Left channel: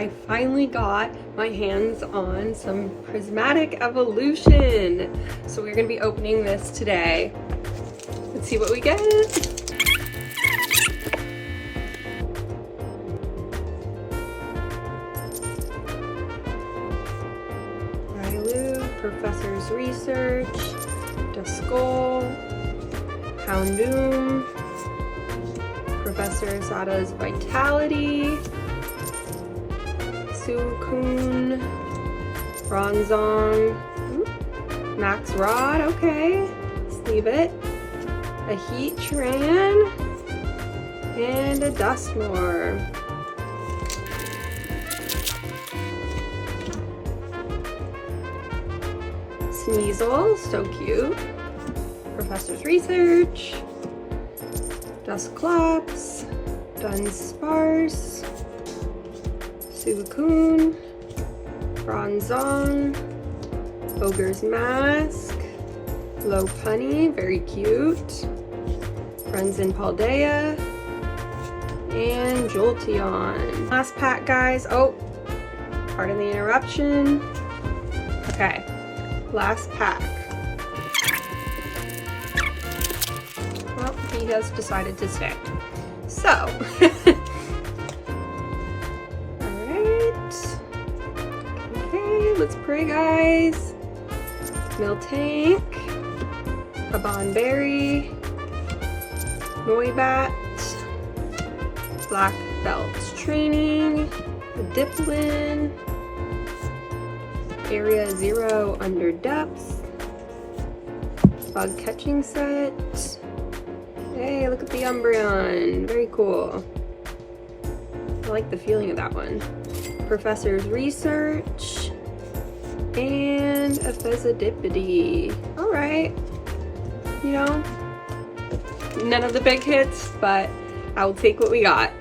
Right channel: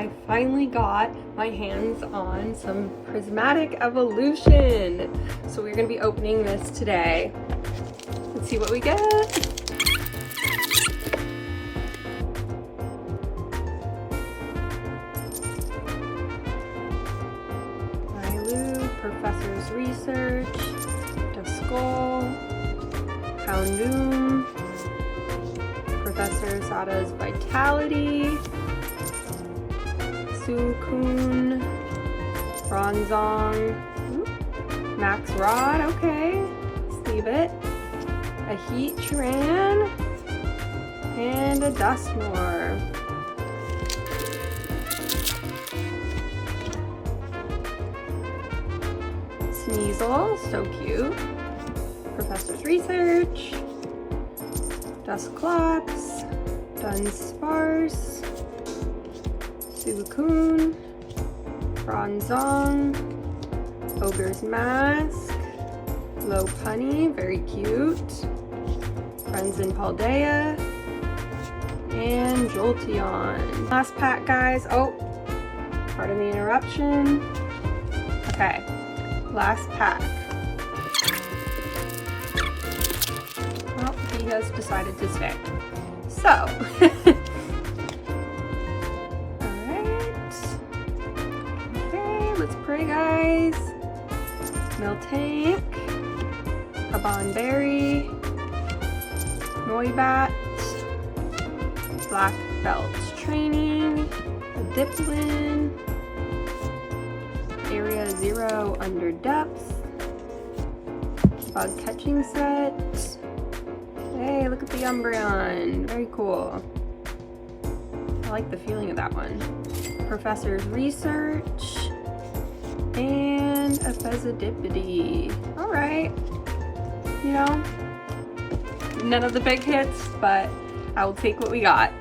I finally got my hands on some Prismatic Evolution. So we're gonna be opening this today. Let's see what we get. Professor's Research, Duskull, Houndoom, Professor Sada's Vitality, Suicune, Bronzong, Max Rod, okay, let's leave it, a Heatran, and a Dusknoir. Sneasel, so cute. Professor's Research, Dusclops, Dunsparce, Suicune, Bronzong, Ogre's Mask, Lopunny, very cute, Frenzen Paldea, and Jolteon. Last pack, guys. Oh, pardon the interruption. Okay. Last pack. Well, he has decided to stay. So, alright. Okay, let's pray, guys. Miltank, a Bonberry, Noibat, Black Belt's Training, a Diplin, Area 0 Under Depth, Bug Catching Set. Hey, look at the Umbreon, very cool. I like the feeling of that one. Professor's Research, and a Fezzidipity. Alright, you know, none of the big hits, but I will take what we got.